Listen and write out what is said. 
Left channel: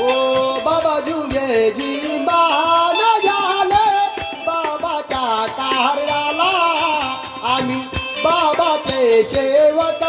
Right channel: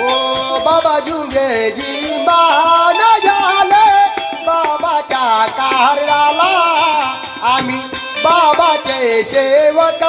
ও বাবা যুগে জীবান জালে বাবা চাকার লালা আমি বাবাचे सेवक